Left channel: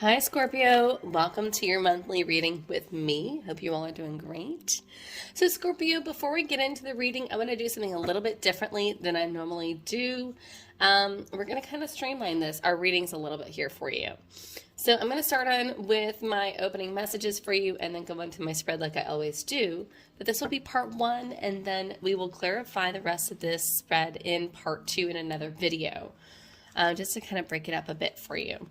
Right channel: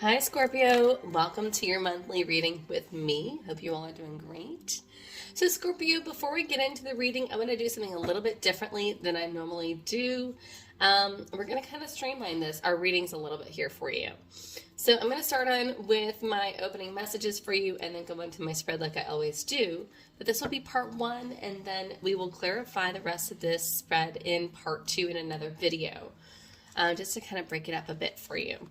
Hi Scorpio, welcome to your monthly reading with me. Hope you all are doing great. So Scorpio, before we get into the reading, I'm going to do something a little bit differently than I normally do. We're going to kind of streamline this, our readings a little bit here for you. So I'm going to start on with my opening messages for you and then go into my spread like I always do. But this will be part one, and then we will clarify the rest of this spread in part two in another video, just to kind of break it up a bit for you.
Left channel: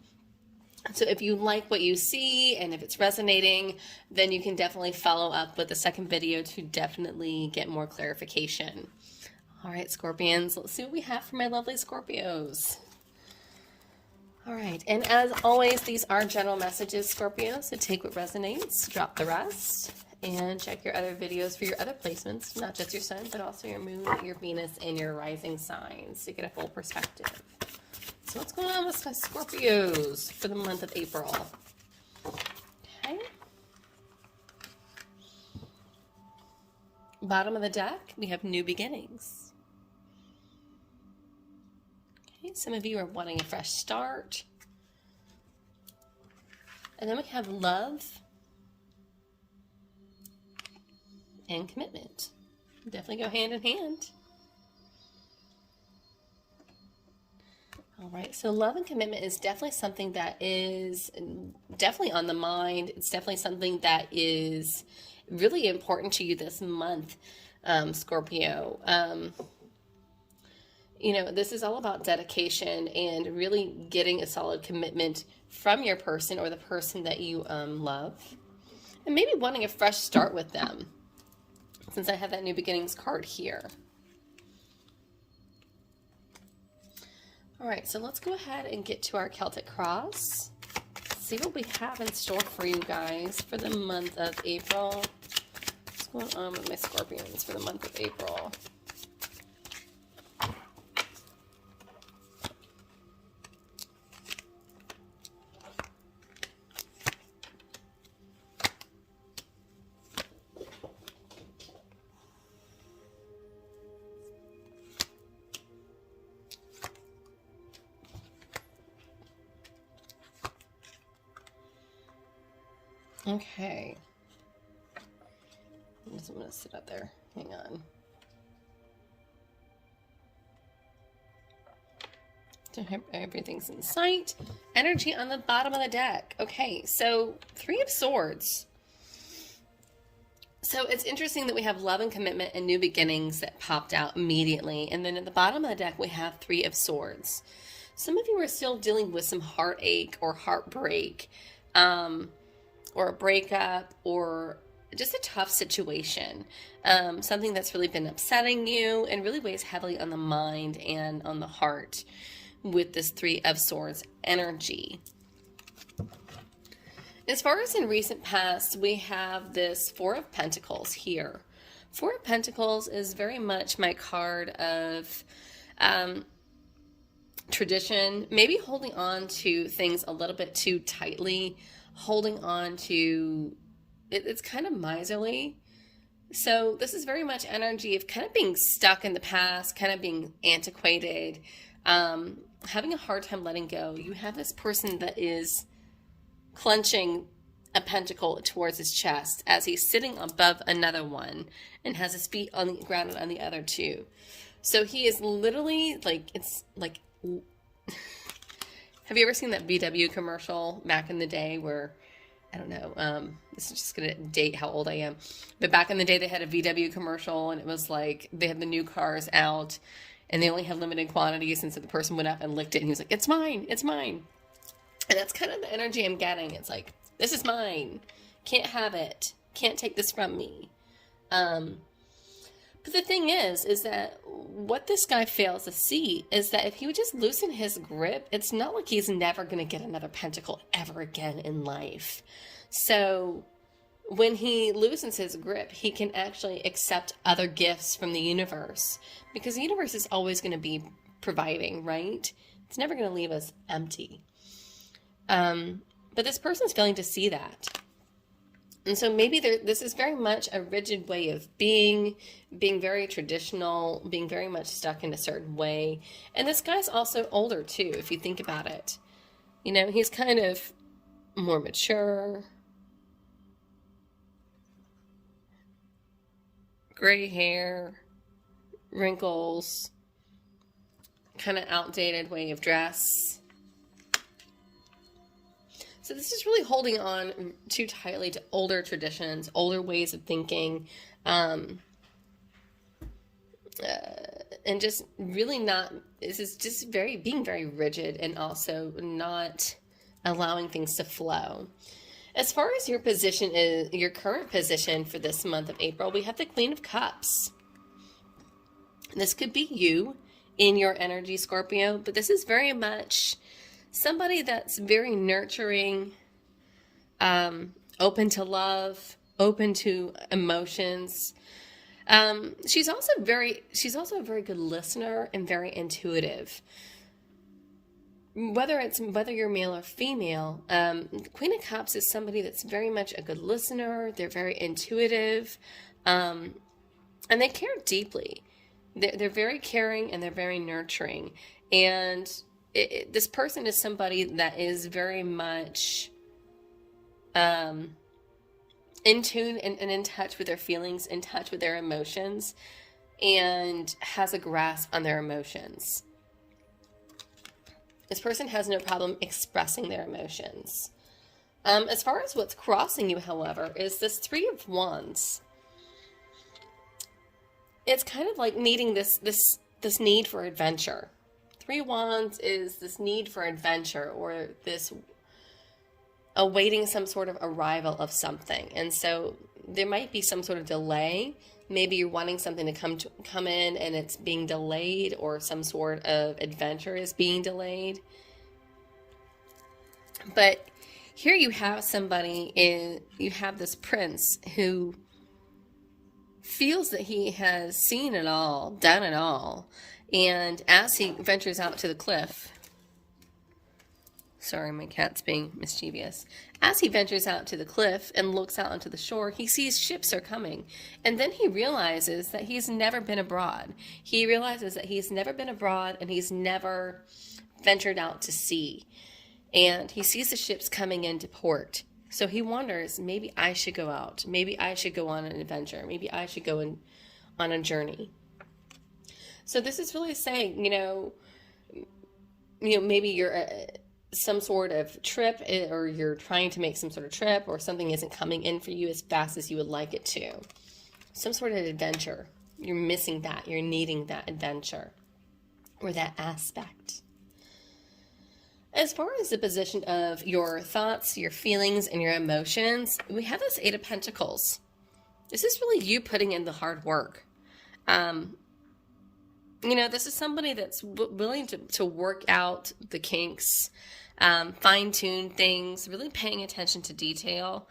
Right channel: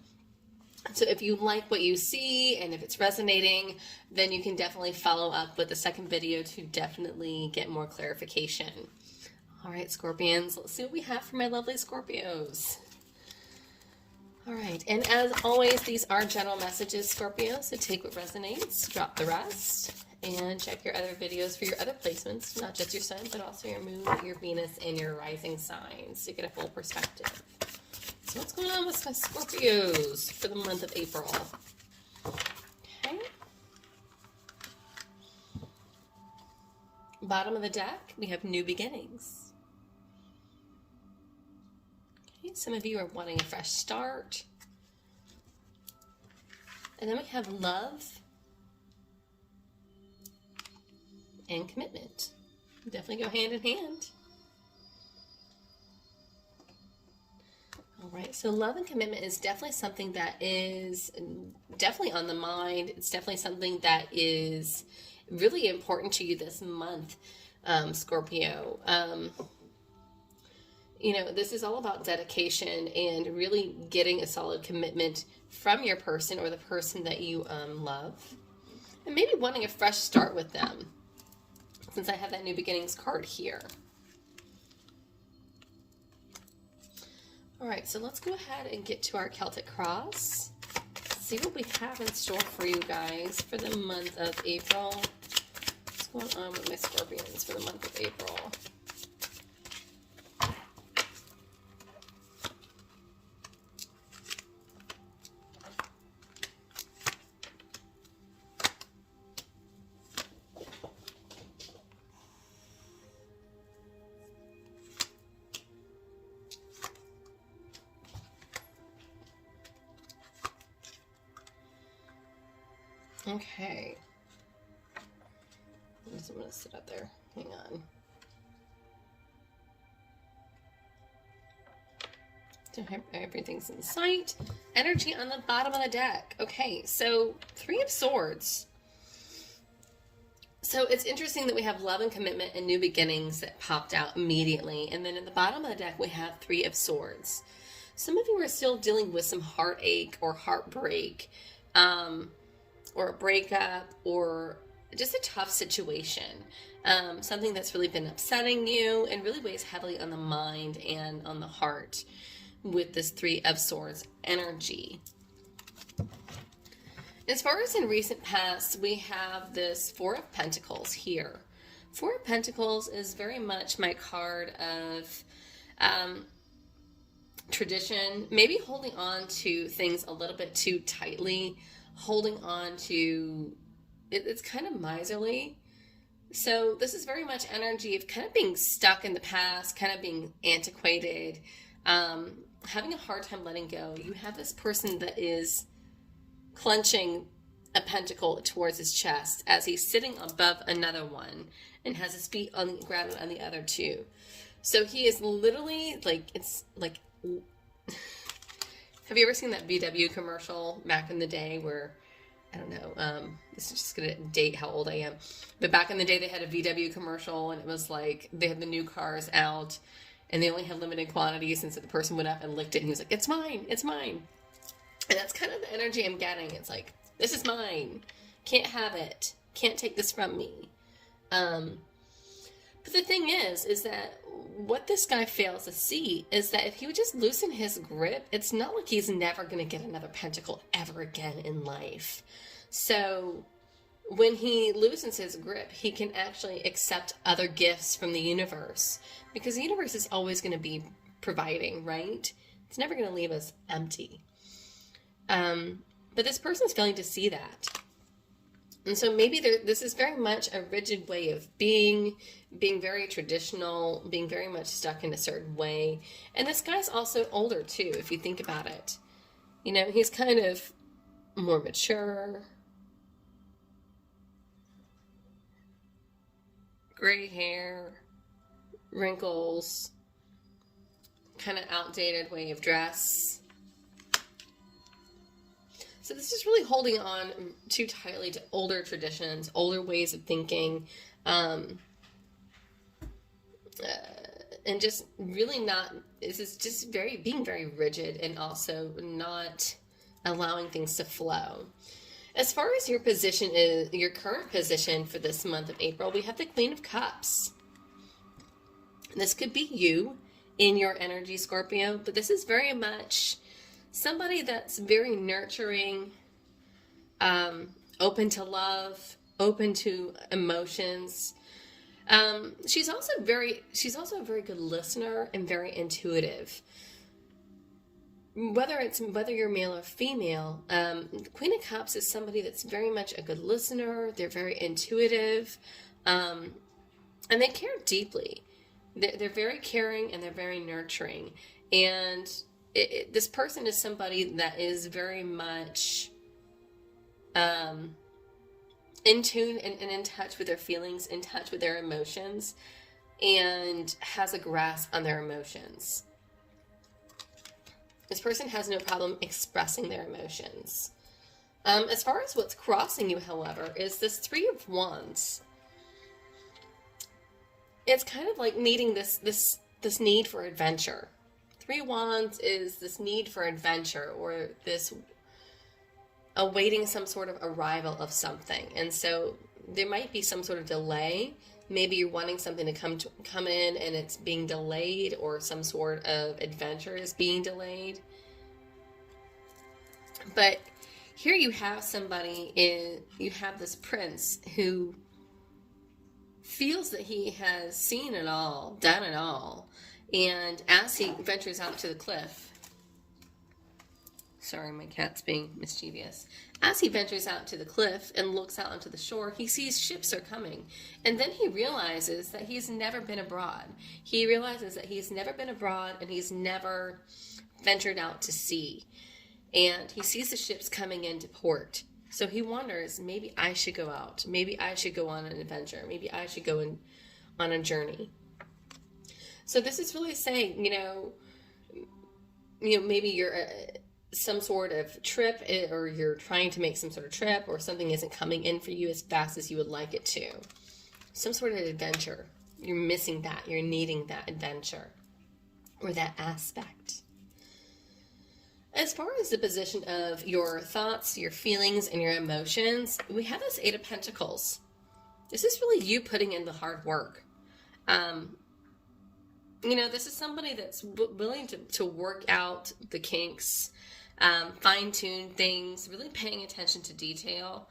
So if you like what you see and if it's resonating, then you can definitely follow up with the second video to definitely get more clarification. All right, Scorpions, let's see what we have for my lovely Scorpios. All right, and as always, these are general messages, Scorpio, so take what resonates, drop the rest, and check your other videos for your other placements, not just your sun, but also your moon, your Venus, and your rising signs to get a full perspective. So what's going on with my Scorpios for the month of April? Okay. Bottom of the deck, we have new beginnings. Okay, some of you are wanting a fresh start. And then we have love and commitment. Definitely go hand in hand. All right, so love and commitment is definitely something that is definitely on the mind. It's definitely something that is really important to you this month, Scorpio. You know, this is all about dedication and really getting a solid commitment from your person or the person that you love. And maybe wanting a fresh start with them, since I have that new beginnings card here. All right, so let's go ahead and get to our Celtic Cross. See what we have in store for you guys for the month of April. What's going on with my Scorpions for the month of April? Okay. I'm just going to sit up there. Hang on. So everything's in sight. Energy on the bottom of the deck. Okay, so Three of Swords. So it's interesting that we have love and commitment and new beginnings that popped out immediately. And then at the bottom of the deck, we have Three of Swords. Some of you are still dealing with some heartache or heartbreak, or a breakup, or just a tough situation. Something that's really been upsetting you and really weighs heavily on the mind and on the heart with this Three of Swords energy. As far as in recent past, we have this Four of Pentacles here. Four of Pentacles is very much my card of tradition, maybe holding on to things a little bit too tightly, holding on to it's kind of miserly. So this is very much energy of kind of being stuck in the past, kind of being antiquated, having a hard time letting go. You have this person that is clenching a pentacle towards his chest as he's sitting above another one and has his feet on the ground on the other two. So he is literally like, it's like, have you ever seen that VW commercial back in the day where, I don't know, this is just going to date how old I am, but back in the day they had a VW commercial and it was like they had the new cars out and they only had limited quantities, and so the person went up and licked it and he was like, it's mine, it's mine. And that's kind of the energy I'm getting. It's like, this is mine, can't have it, can't take this from me. But the thing is that what this guy fails to see is that if he would just loosen his grip, it's not like he's never going to get another pentacle ever again in life. So when he loosens his grip, he can actually accept other gifts from the universe, because the universe is always going to be providing, right? It's never going to leave us empty. But this person's failing to see that. And so maybe this is very much a rigid way of being very traditional, being very much stuck in a certain way. And this guy's also older too, if you think about it. You know, he's kind of more mature, gray hair, wrinkles, kind of outdated way of dress. So this is really holding on too tightly to older traditions, older ways of thinking, and just really not, this is just being very rigid and also not allowing things to flow. As far as your position is, your current position for this month of April, we have the Queen of Cups. This could be you in your energy, Scorpio, but this is very much somebody that's very nurturing, open to love, open to emotions. She's also a very good listener and very intuitive. Whether you're male or female, Queen of Cups is somebody that's very much a good listener. They're very intuitive, and they care deeply. They're very caring and they're very nurturing. And this person is somebody that is very much in tune and in touch with their feelings, in touch with their emotions, and has a grasp on their emotions. This person has no problem expressing their emotions. As far as what's crossing you, however, is this Three of Wands. It's kind of like needing this need for adventure. Three Wands is this need for adventure, or this awaiting some sort of arrival of something. And so there might be some sort of delay. Maybe you're wanting something to come in and it's being delayed, or some sort of adventure is being delayed. But here you have you have this prince who feels that he has seen it all, done it all. And as he ventures out to the cliff, sorry, my cat's being mischievous. As he ventures out to the cliff and looks out onto the shore, he sees ships are coming. And then he realizes that he's never been abroad. He realizes that he's never been abroad and he's never ventured out to sea. And he sees the ships coming into port. So he wonders, maybe I should go out. Maybe I should go on an adventure. Maybe I should go on a journey. So this is really saying, maybe you're some sort of trip, or you're trying to make some sort of trip, or something isn't coming in for you as fast as you would like it to. Some sort of adventure. You're missing that. You're needing that adventure or that aspect. As far as the position of your thoughts, your feelings, and your emotions, we have this Eight of Pentacles. This is really you putting in the hard work. This is somebody that's willing to work out the kinks, fine-tune things, really paying attention to detail.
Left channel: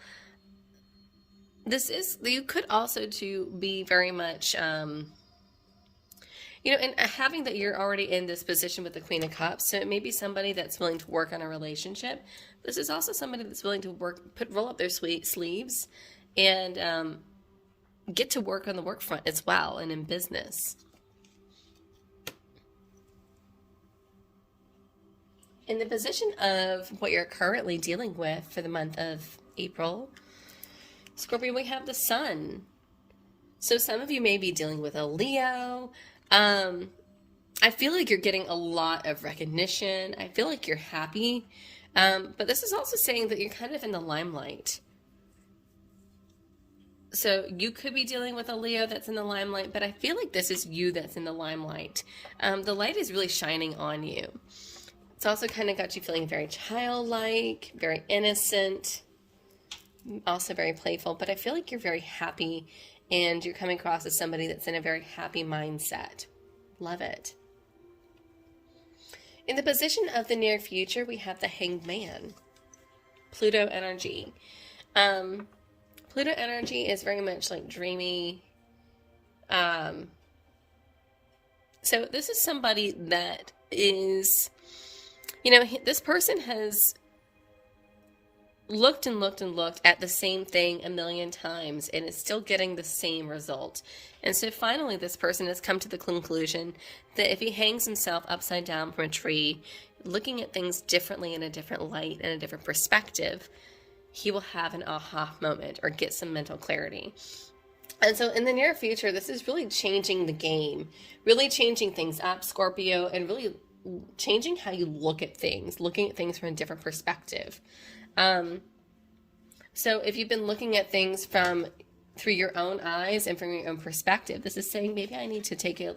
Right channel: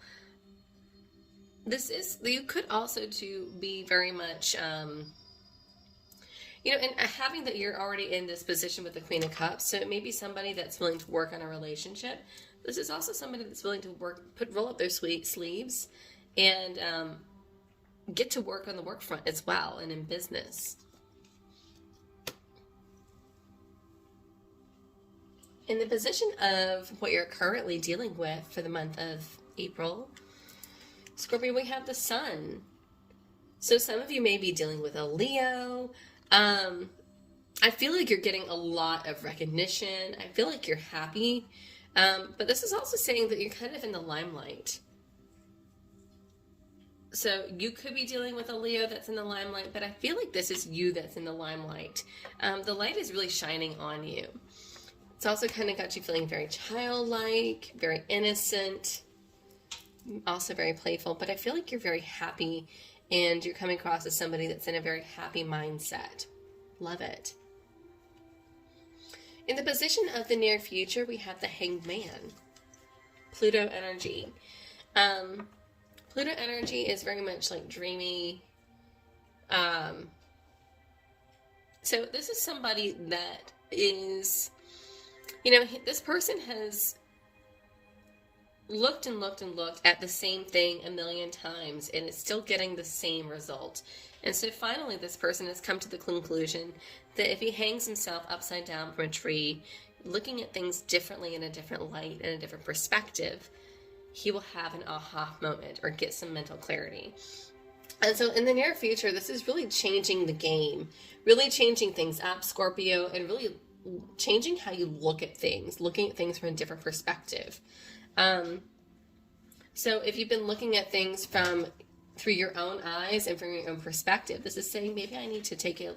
You could also be very much, and having that you're already in this position with the Queen of Cups, so it may be somebody that's willing to work on a relationship. This is also somebody that's willing to roll up their sleeves and get to work on the work front as well, and in business. In the position of what you're currently dealing with for the month of April, Scorpio, we have the Sun. So some of you may be dealing with a Leo. I feel like you're getting a lot of recognition. I feel like you're happy. But this is also saying that you're kind of in the limelight. So you could be dealing with a Leo that's in the limelight, but I feel like this is you that's in the limelight. The light is really shining on you. It's also kind of got you feeling very childlike, very innocent, also very playful, but I feel like you're very happy and you're coming across as somebody that's in a very happy mindset. Love it. In the position of the near future, we have the Hanged Man, Pluto Energy. Pluto Energy is very much like dreamy. So this is somebody that is, this person has looked and looked and looked at the same thing a million times and is still getting the same result. And so finally this person has come to the conclusion that if he hangs himself upside down from a tree, looking at things differently in a different light and a different perspective, he will have an aha moment or get some mental clarity. And so in the near future, this is really changing the game, really changing things up, Scorpio, and really changing how you look at things, looking at things from a different perspective. So if you've been looking at things through your own eyes and from your own perspective, this is saying maybe I need to take a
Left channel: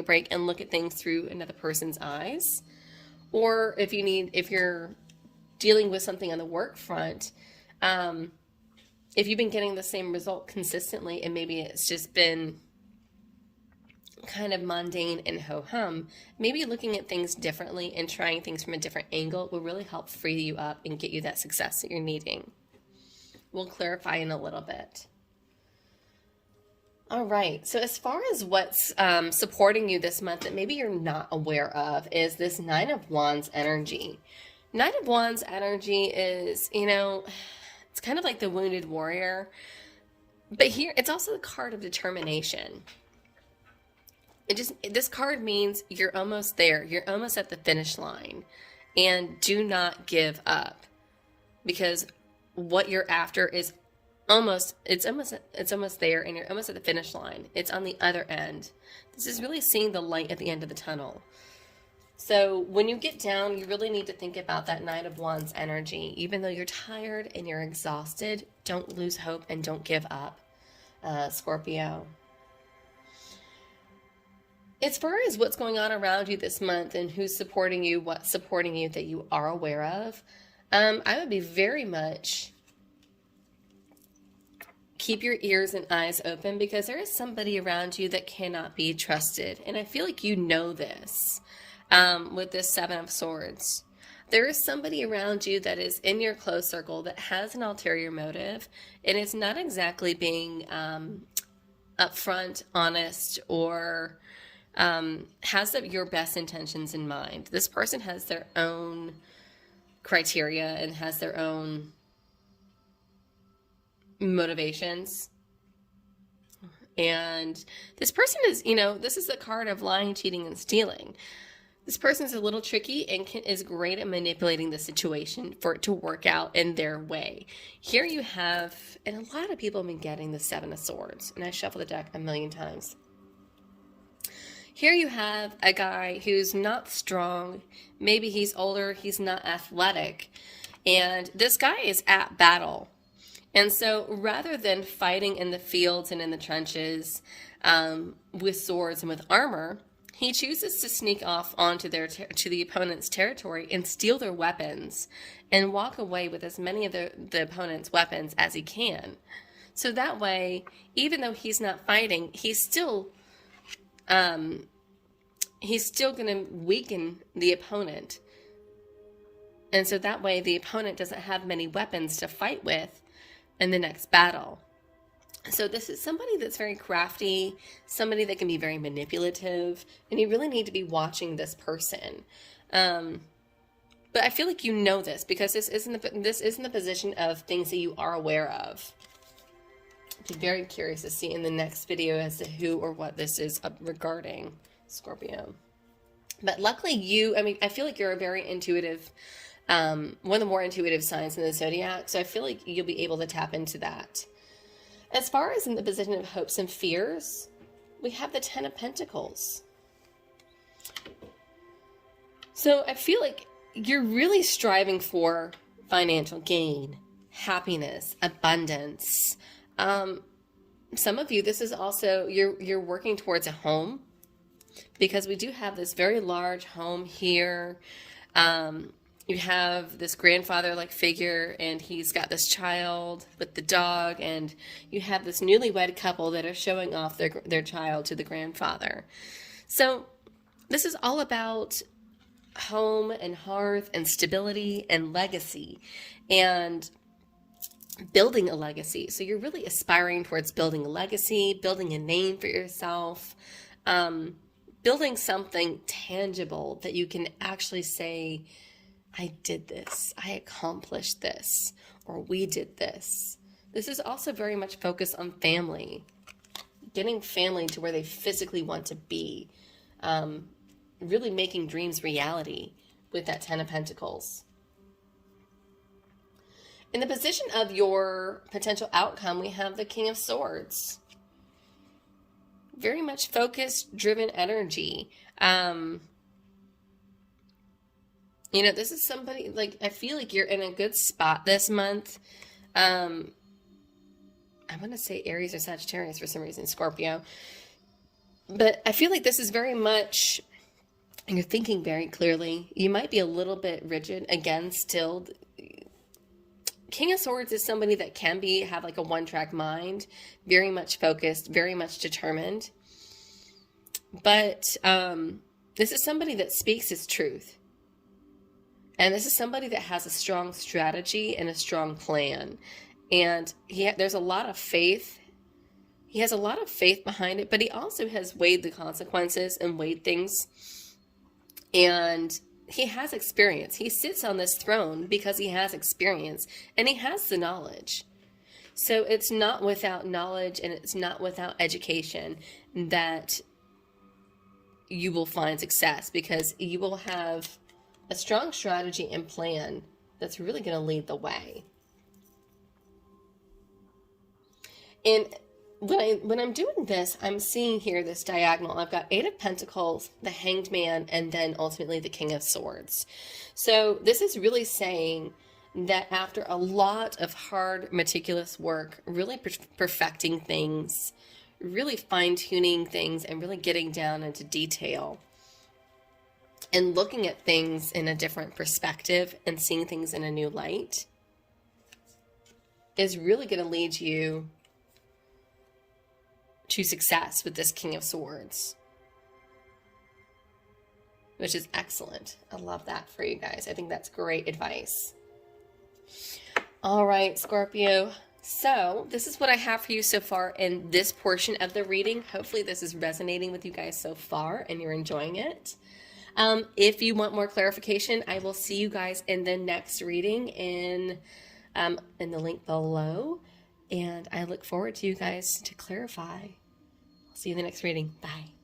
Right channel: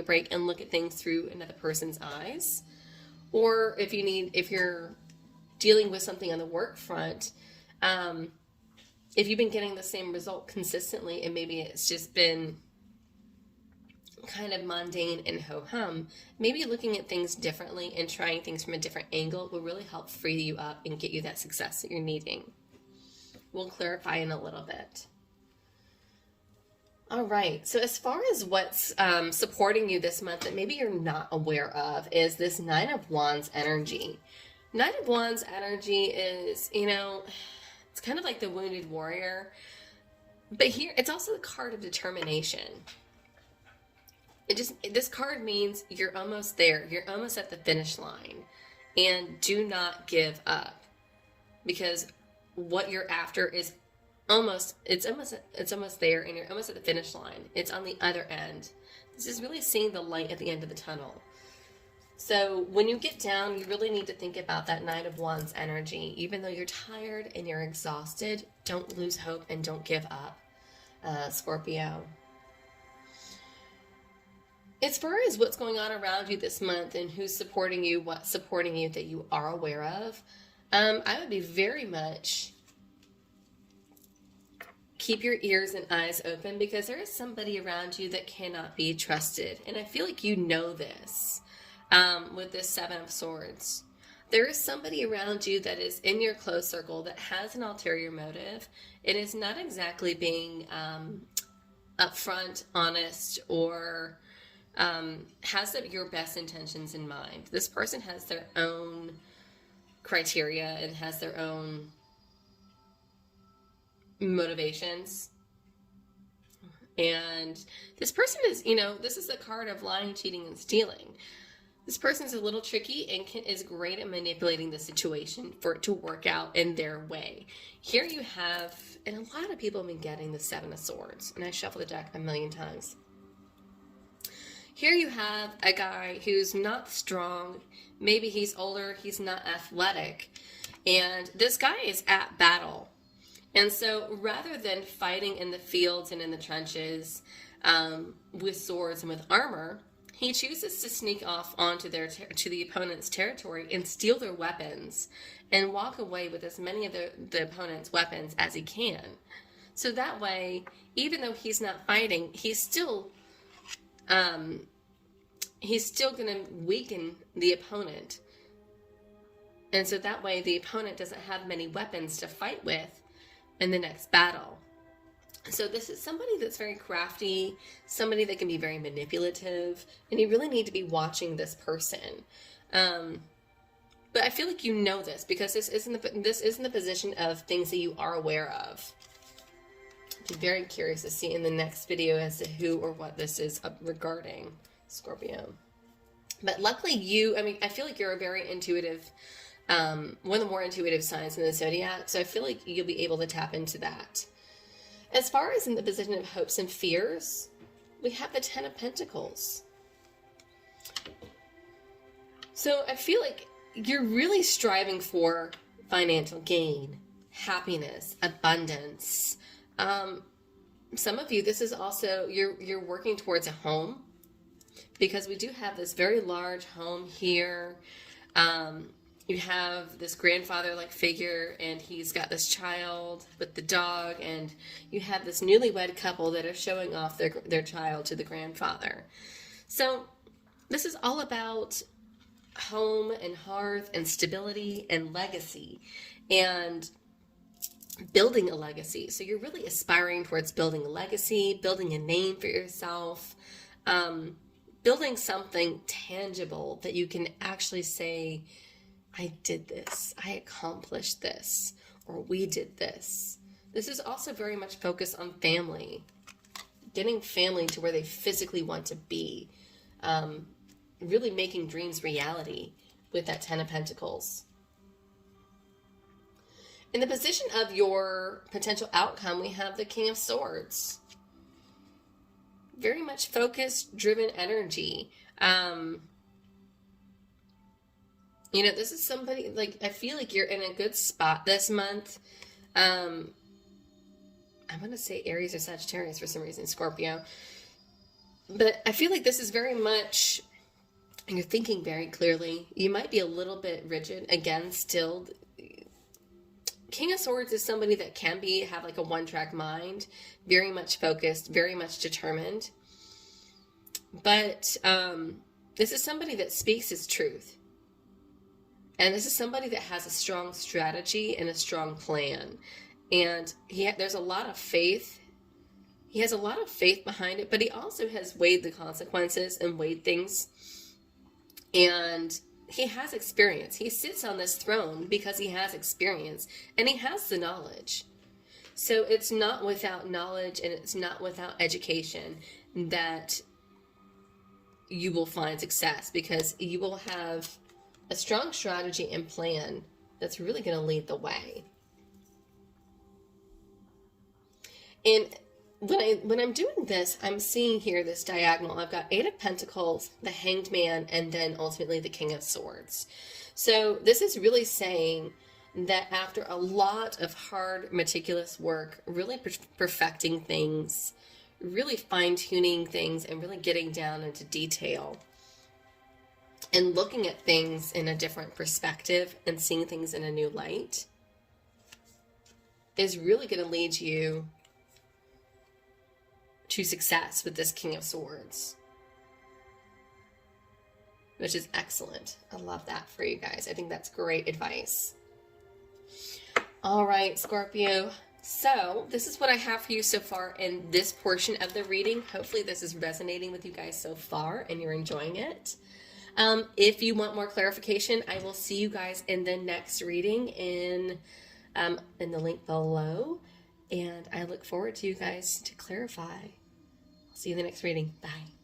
break and look at things through another person's eyes. Or if you're dealing with something on the work front, if you've been getting the same result consistently and maybe it's just been kind of mundane and ho-hum, maybe looking at things differently and trying things from a different angle will really help free you up and get you that success that you're needing. We'll clarify in a little bit. All right, so as far as what's supporting you this month that maybe you're not aware of is this Nine of Wands energy. Nine of Wands energy is, it's kind of like the wounded warrior, but here it's also the card of determination. This card means you're almost there. You're almost at the finish line, and do not give up, because what you're after is almost there, and you're almost at the finish line. It's on the other end. This is really seeing the light at the end of the tunnel. So when you get down, you really need to think about that Nine of Wands energy. Even though you're tired and you're exhausted, don't lose hope and don't give up, Scorpio. As far as what's going on around you this month and who's supporting you, what's supporting you that you are aware of, I would be very much keep your ears and eyes open, because there is somebody around you that cannot be trusted. And I feel like you know this with this Seven of Swords. There is somebody around you that is in your close circle that has an ulterior motive and is not exactly being upfront, honest, or has your best intentions in mind. This person has their own criteria and has their own motivations. And this person is, this is the card of lying, cheating, and stealing. This person is a little tricky and is great at manipulating the situation for it to work out in their way. Here you have, and a lot of people have been getting the Seven of Swords, and I shuffle the deck a million times. Here you have a guy who's not strong. Maybe he's older, he's not athletic, and this guy is at battle. And so rather than fighting in the fields and in the trenches with swords and with armor, he chooses to sneak off onto to the opponent's territory and steal their weapons and walk away with as many of the opponent's weapons as he can. So that way, even though he's not fighting, he's still going to weaken the opponent. And so that way, the opponent doesn't have many weapons to fight with in the next battle. So this is somebody that's very crafty, somebody that can be very manipulative, and you really need to be watching this person. But I feel like you know this, because this is in the position of things that you are aware of. I'd be very curious to see in the next video as to who or what this is regarding, Scorpio. But luckily I feel like you're a very intuitive, one of the more intuitive signs in the zodiac, so I feel like you'll be able to tap into that. As far as in the position of hopes and fears, we have the Ten of Pentacles. So I feel like you're really striving for financial gain, happiness, abundance. Some of you, this is also, you're working towards a home, because we do have this very large home here. You have this grandfather-like figure, and he's got this child with the dog, and you have this newlywed couple that are showing off their child to the grandfather. So this is all about home and hearth and stability and legacy and building a legacy. So you're really aspiring towards building a legacy, building a name for yourself, building something tangible that you can actually say, I did this, I accomplished this, or we did this. This is also very much focused on family, getting family to where they physically want to be, really making dreams reality. with that Ten of Pentacles. In the position of your potential outcome, we have the King of Swords. Very much focused, driven energy. You know, this is somebody, like, I feel like you're in a good spot this month. I'm going to say Aries or Sagittarius for some reason, Scorpio. But I feel like this is very much, and you're thinking very clearly. You might be a little bit rigid. Again, still, King of Swords is somebody that can have like a one-track mind, very much focused, very much determined. But this is somebody that speaks his truth. And this is somebody that has a strong strategy and a strong plan. And there's a lot of faith. He has a lot of faith behind it, but he also has weighed the consequences and weighed things. And he has experience. He sits on this throne because he has experience and he has the knowledge. So it's not without knowledge and it's not without education that you will find success, because you will have a strong strategy and plan that's really going to lead the way. And when I'm doing this, I'm seeing here this diagonal. I've got 8 of Pentacles, the Hanged Man, and then ultimately the King of Swords. So this is really saying that after a lot of hard, meticulous work, really perfecting things, really fine-tuning things, and really getting down into detail, and looking at things in a different perspective and seeing things in a new light, is really going to lead you to success with this King of Swords, which is excellent. I love that for you guys. I think that's great advice. All right, Scorpio. So this is what I have for you so far in this portion of the reading. Hopefully this is resonating with you guys so far and you're enjoying it. If you want more clarification, I will see you guys in the next reading in the link below. And I look forward to you guys to clarify. See you in the next reading. Bye.